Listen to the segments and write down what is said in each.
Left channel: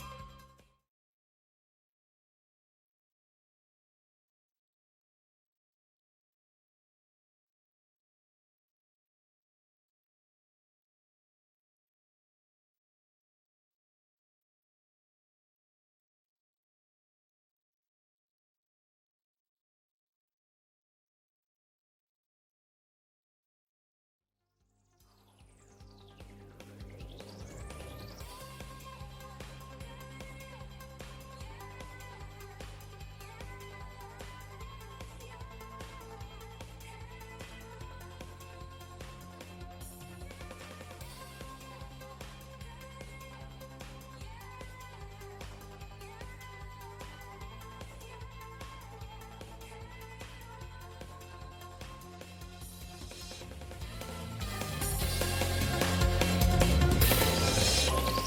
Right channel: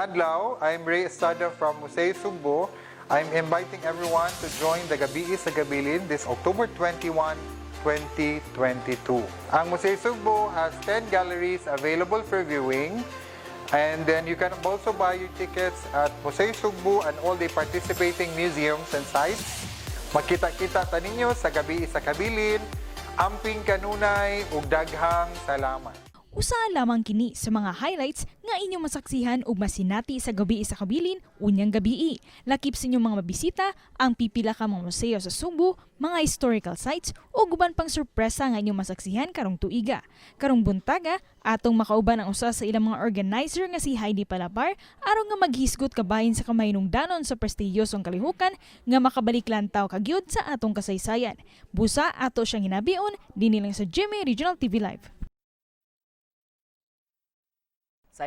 adlaw. I'm Ray Estrada from Cebu. I'm inviting everyone to join the Gabiii sa Kabilin this October 21, 2022. Ang Museo Cebu has 10 galleries available for viewing. And then you can also buy your tickets at Museo Cebu and all the participating museums and sites. Makita-kita ta ninyo sa Gabiii sa Kabilin. Amping kanunay ug daghang salamat. Usa lamang kini sa mga highlights nga inyong masaksihan ug masinati sa Gabiii sa Kabilin unyang Gabiii. Lakip sa inyong mga mabisita ang pipila ka mga museo sa Cebu, mga historical sites ug uban pang sorpresa nga inyong masaksihan karong tuiga. Karong buntaga, atong makauban ang usa sa ilang mga organizer nga si Heidi Palapar aron nga maghisgot kabahin sa kamahinungdanon sa prestiyosong kalihukan nga makabalik lantaw kagyud sa atong kasaysayan. Busa ato siyang hinabion dinhi lang sa GMA Regional TV Live.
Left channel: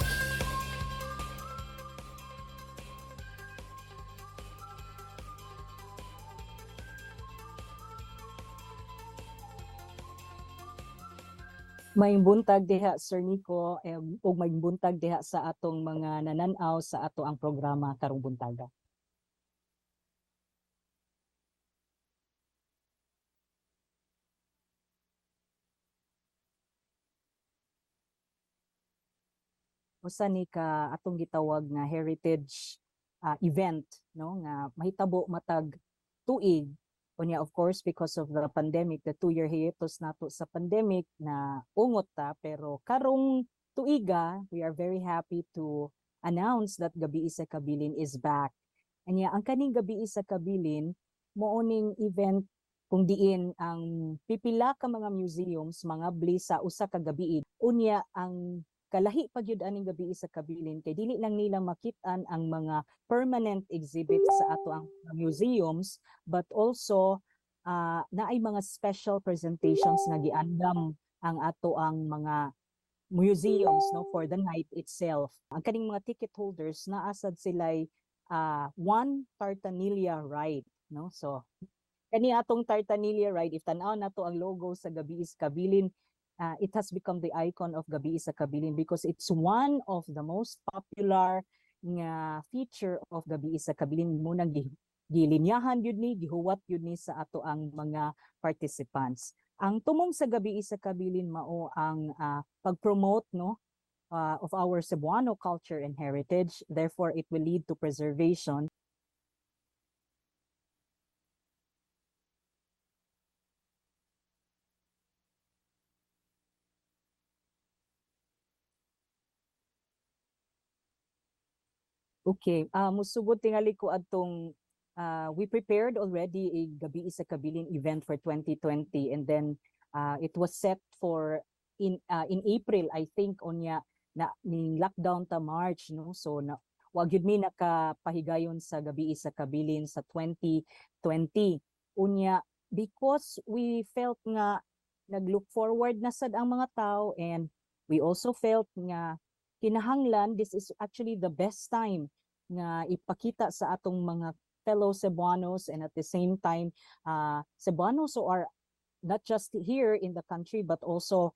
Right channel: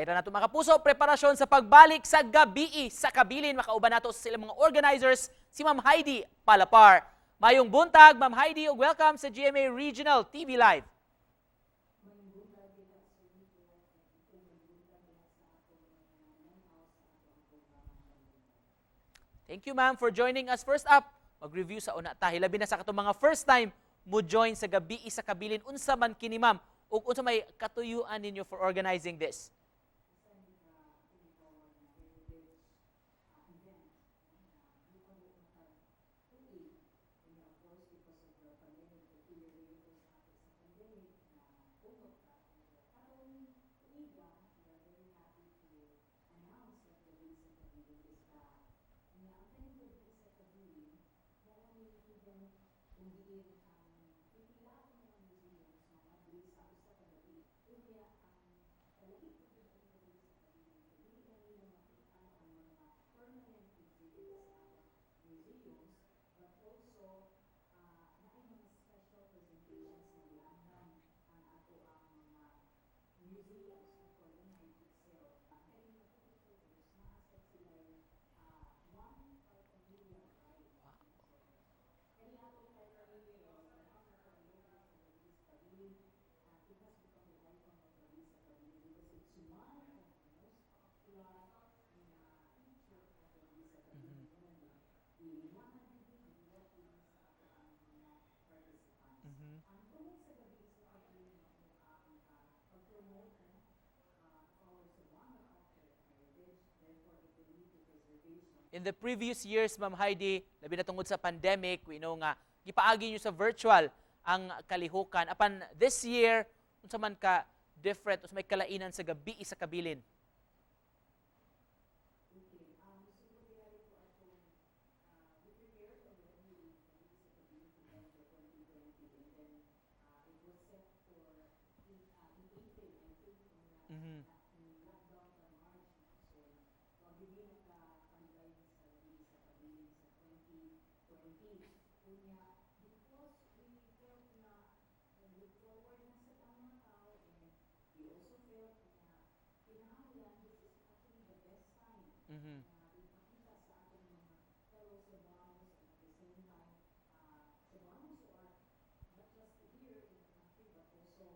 Na nato mga kapuso, preparasyon sa pagbalik sa Gabiii sa Kabilin. Makauban nato sa silang mga organizers, si Ma'am Heidi Palapar. Mayong buntag, Ma'am Heidi, ug welcome sa GMA Regional TV Live. Mayong buntag diha, Sir Nico, ug mayong buntag diha sa atong mga nananaw sa ato ang programa karong buntaga. Thank you, ma'am, for joining us. First up, mag-review sa una tahi. Labi na sa katong mga first time mo join sa Gabiii sa Kabilin. Unsa man kini, ma'am, ug unsa may katuyuan ninyo for organizing this? Usa ni ka atong gitawag nga heritage event, no, nga mahitabo matag tuig. Unya, of course, because of the pandemic, the 2-year hiatus nato sa pandemic na ungot ta, pero karong tuiga, we are very happy to announce that Gabiii sa Kabilin is back. Anya, ang kaning Gabiii sa Kabilin, mooning event kung diin ang pipila ka mga museums, mga bli sa usa ka gabiii. Unya, ang kalahi pa gyud aning Gabiii sa Kabilin kay dili lang nila makit-an ang mga permanent exhibits sa ato ang museums, but also naay mga special presentations nga giandam ang ato ang mga museums, no, for the night itself. Ang kaning mga ticket holders naasad sila'y one Tartanilla ride, no. So kani atong Tartanilla ride, if tan-aw nato ang logo sa Gabiii sa Kabilin, it has become the icon of Gabiii sa Kabilin because it's one of the most popular nga feature of Gabiii sa Kabilin. Munang gilinyahan yun ni, gihuwat yun ni sa ato ang mga participants. Ang tumong sa Gabiii sa Kabilin mao ang pag-promote, no, of our Cebuano culture and heritage. Therefore, it will lead to preservation. In the previous years, Ma'am Heidi, labi na tungod sa pandemic, we know nga, gipaagi nyo sa virtual ang kalihukan. Apan this year, unsa man ka different, unsa may kalainan sa Gabiii sa Kabilin? Okay, musugod tingali ko atong we prepared already a Gabiii sa Kabilin event for 2020, and then it was set for in April, I think, onya na ning lockdown ta March, no. So na wa gyud mi nakapahigayon sa Gabiii sa Kabilin sa 2020. Unya, because we felt nga nag-look forward na sad ang mga tao, and we also felt nga kinahanglan this is actually the best time nga ipakita sa atong mga fellow Cebuanos, and at the same time Cebuanos who are not just here in the country but also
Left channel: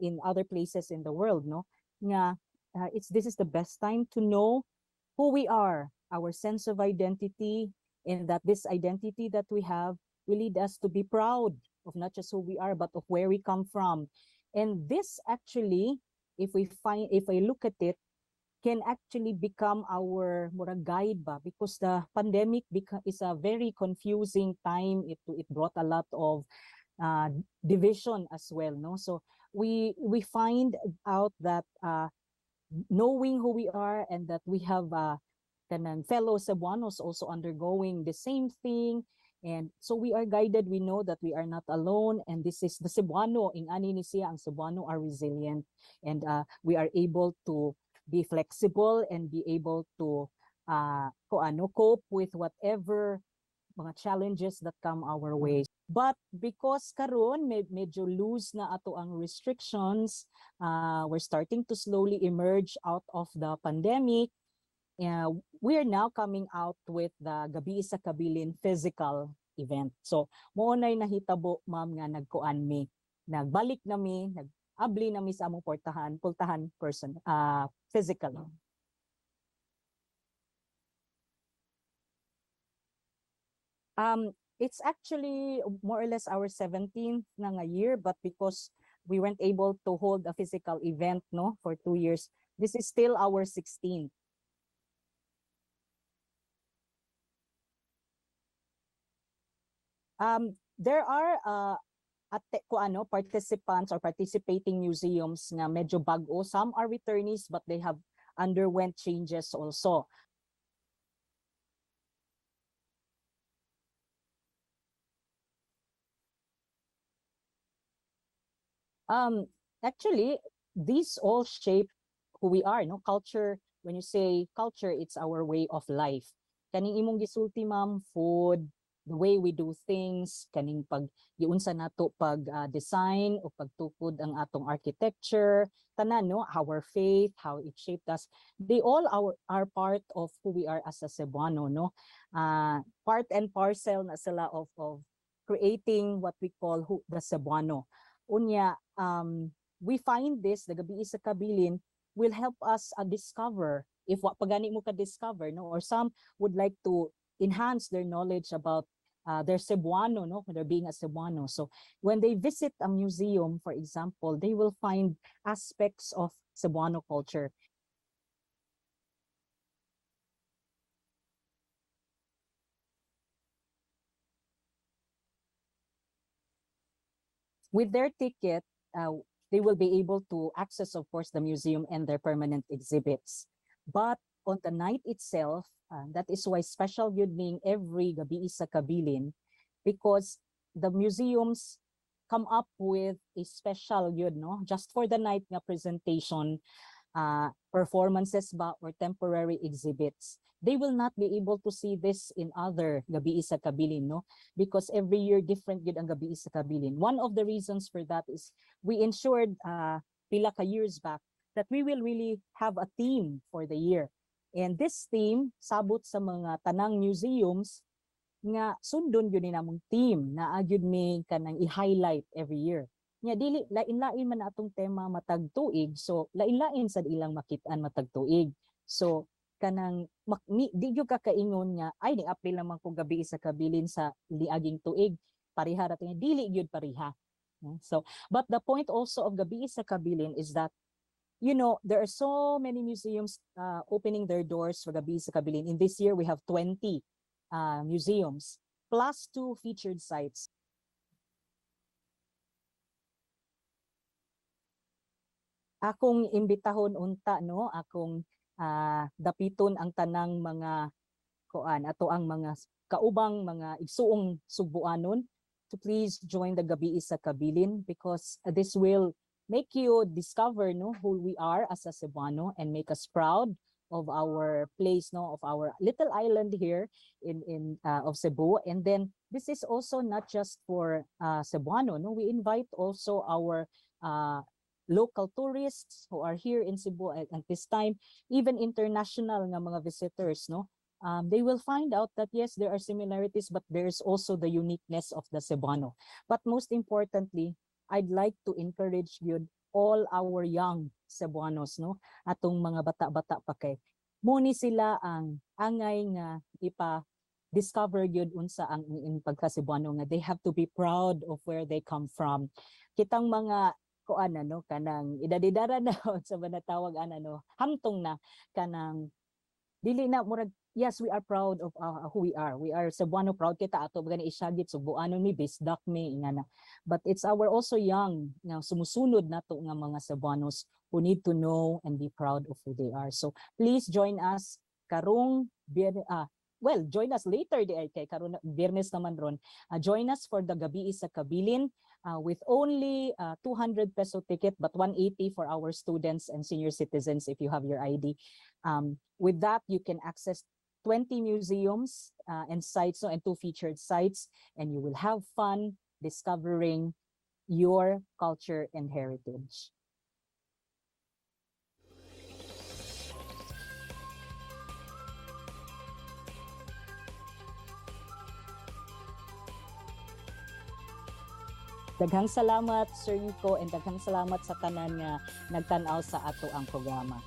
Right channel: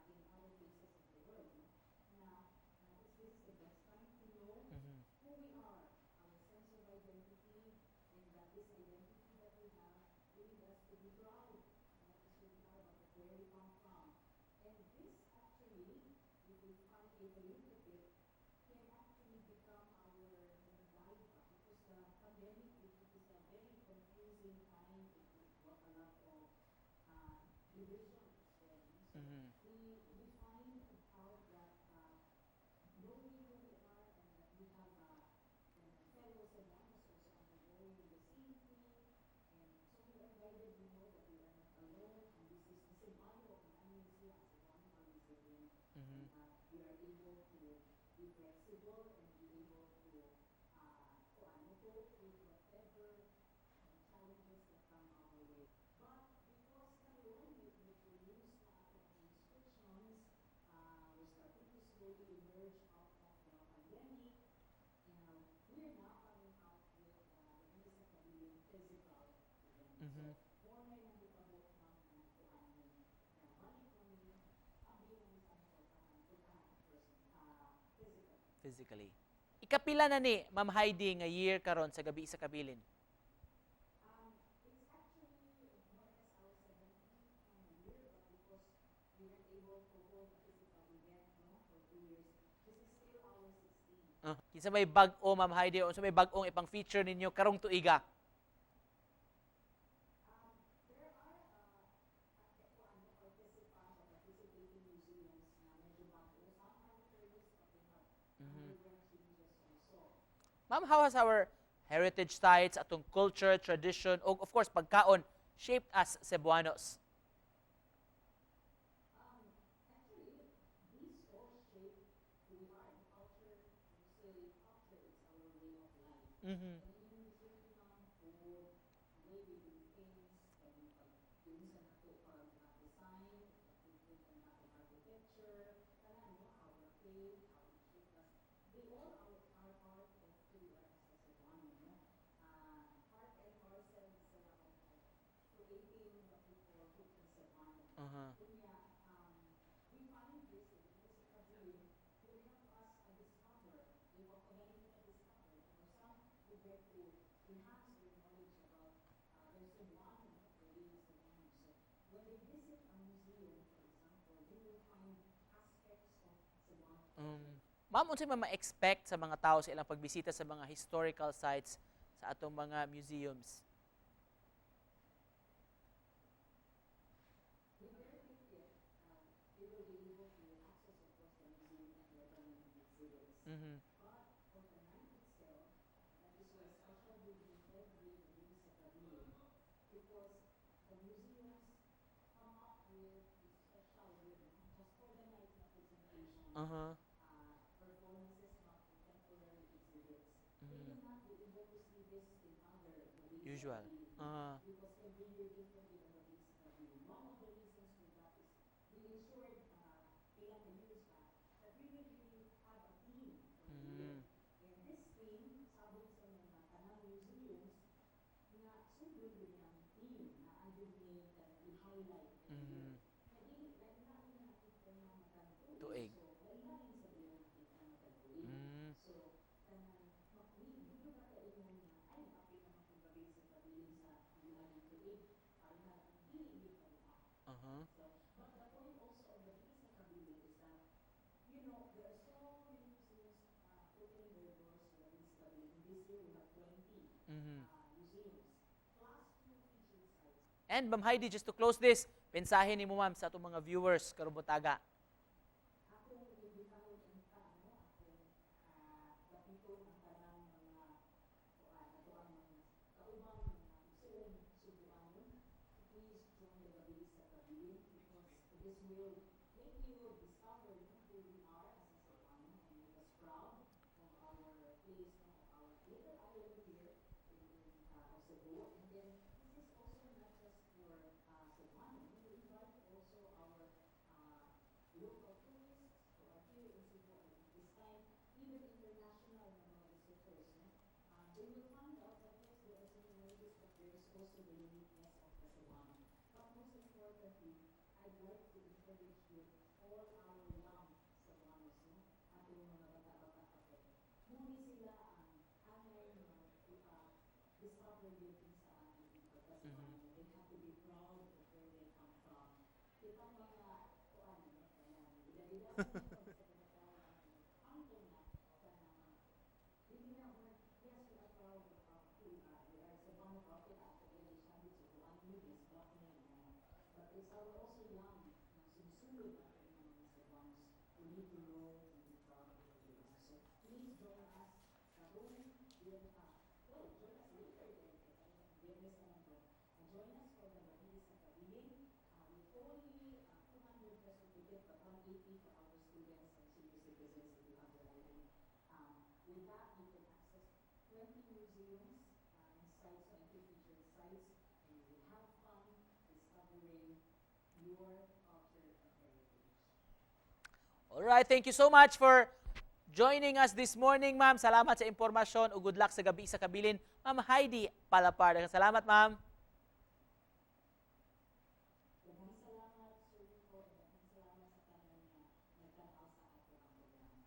in other places in the world, no, nga this is the best time to know who we are, our sense of identity, and that this identity that we have will lead us to be proud of not just who we are, but of where we come from. And this actually, if I look at it, can actually become our guide ba, because the pandemic is a very confusing time. It brought a lot of division as well, no. So we find out that knowing who we are, and that we have kanang fellow Cebuanos also undergoing the same thing. And so we are guided, we know that we are not alone, and this is the Cebuano, ingani ni siya, ang Cebuano are resilient, and we are able to be flexible and be able to cope with whatever mga challenges that come our way. But because karon medyo loose na ato ang restrictions, we're starting to slowly emerge out of the pandemic. We are now coming out with the Gabiii sa Kabilin physical event. So, moonay nahitabo, ma'am, nga nagkuan mi. Nagbalik nami, nag-abli nami sa among pultahan person physically. Ikapila na ni Ma'am Heidi nga year karon sa Gabiii sa Kabilin? It's actually more or less our 17th na nga year, but because we weren't able to hold a physical event no for 2 years, this is still our 16th. Kinsa may bag-o Ma'am Heidi o sa may bag-ong ipang feature ninyo karong tuiga? There are participants or participating museums nga medyo bag-o. Some are returnees but they have underwent changes also. Ma'am, how has our heritage sites, atong culture, tradition, o of course pagkaon shaped as Cebuanos? Actually, these all shape who we are, no? Culture, when you say culture, it's our way of life. Kaning imong gisulti, ma'am, food, the way we do things, kaning giunsa nato design o pagtukod ang atong architecture, tanan no, our faith, how it shaped us. They all are part of who we are as a Cebuano, no. Part and parcel na sila of creating what we call the Cebuano. Unya, we find this, the Gabiii sa Kabilin, will help us discover if what pagani mo ka-discover, no, or some would like to enhance their knowledge about their Cebuano, no, they're being a Cebuano. So when they visit a museum, for example, they will find aspects of Cebuano culture. Ma'am, unsay ma-expect sa mga tao sa ilang pagbisita sa mga historical sites sa atong mga museums? With their ticket, they will be able to access, of course, the museum and their permanent exhibits. But on the night itself, that is why special yun ning every Gabiii sa Kabilin, because the museums come up with a special yun, no? Just for the night nga presentation, performances ba or temporary exhibits. They will not be able to see this in other Gabiii sa Kabilin, no? Because every year different yun ang Gabiii sa Kabilin. One of the reasons for that is we ensured pila ka years back that we will really have a theme for the year. And this theme sabot sa mga tanang museums nga sundon yun ni namong theme na agyud mi kanang i-highlight every year. Nya dili lain-lain man atong tema matag tuig, so lain-lain sad ilang makit-an matag tuig. So kanang di gyud ka kaingon nga ay ni April naman ko Gabiii sa Kabilin sa liaging tuig, pareha ra tinga dili gyud pareha. So but the point also of Gabiii sa Kabilin is that, you know, there are so many museums opening their doors for Gabiii sa Kabilin. In this year, we have 20 museums, plus 2 featured sites. And Ma'am Heidi, just to close this, mensahe ni mo ma'am sa atong mga viewers karong butaga. Akong imbitahon unta, no, akong dapiton ang tanang mga ato ang mga kaubang mga igsuong Subuanon to please join the Gabiii sa Kabilin, because this will make you discover, no, who we are as a Cebuano and make us proud of our place, no, of our little island here in of Cebu. And then this is also not just for Cebuano, no, we invite also our local tourists who are here in Cebu at this time, even international nga mga visitors, no. They will find out that yes, there are similarities, but there's also the uniqueness of the Cebuano. But most importantly, I'd like to encourage you all our young Cebuanos, no, atong mga bata-bata pa kay muni sila ang angay nga discover yun unsa ang pagka-Cebuano nga they have to be proud of where they come from. Kitang mga no, kanang idadidara na sa banatawag no, hamtong na kanang dili na murag, yes, we are proud of who we are. We are Cebuano proud kita ato gani isyagit Subuano mi bisdak mi ingana. But it's our also young nga sumusunod nato nga mga Cebuanos who need to know and be proud of who they are. So please join us karong join us later di ay kay karon Biyernes naman ron. Join us for the Gabiii sa Kabilin with only 200 peso ticket but 180 for our students and senior citizens if you have your ID. With that, you can access 20 museums and sites, and 2 featured sites, and you will have fun discovering your culture and heritage. All right, thank you so much for joining us this morning, ma'am. Salamat sa impormasyon o good luck sa Gabiii sa Kabilin. Ma'am Heidi Palapar. Salamat, ma'am. Daghang salamat, Sir Nico, and daghang salamat sa tanan nga nagtan-aw sa ato ang programa.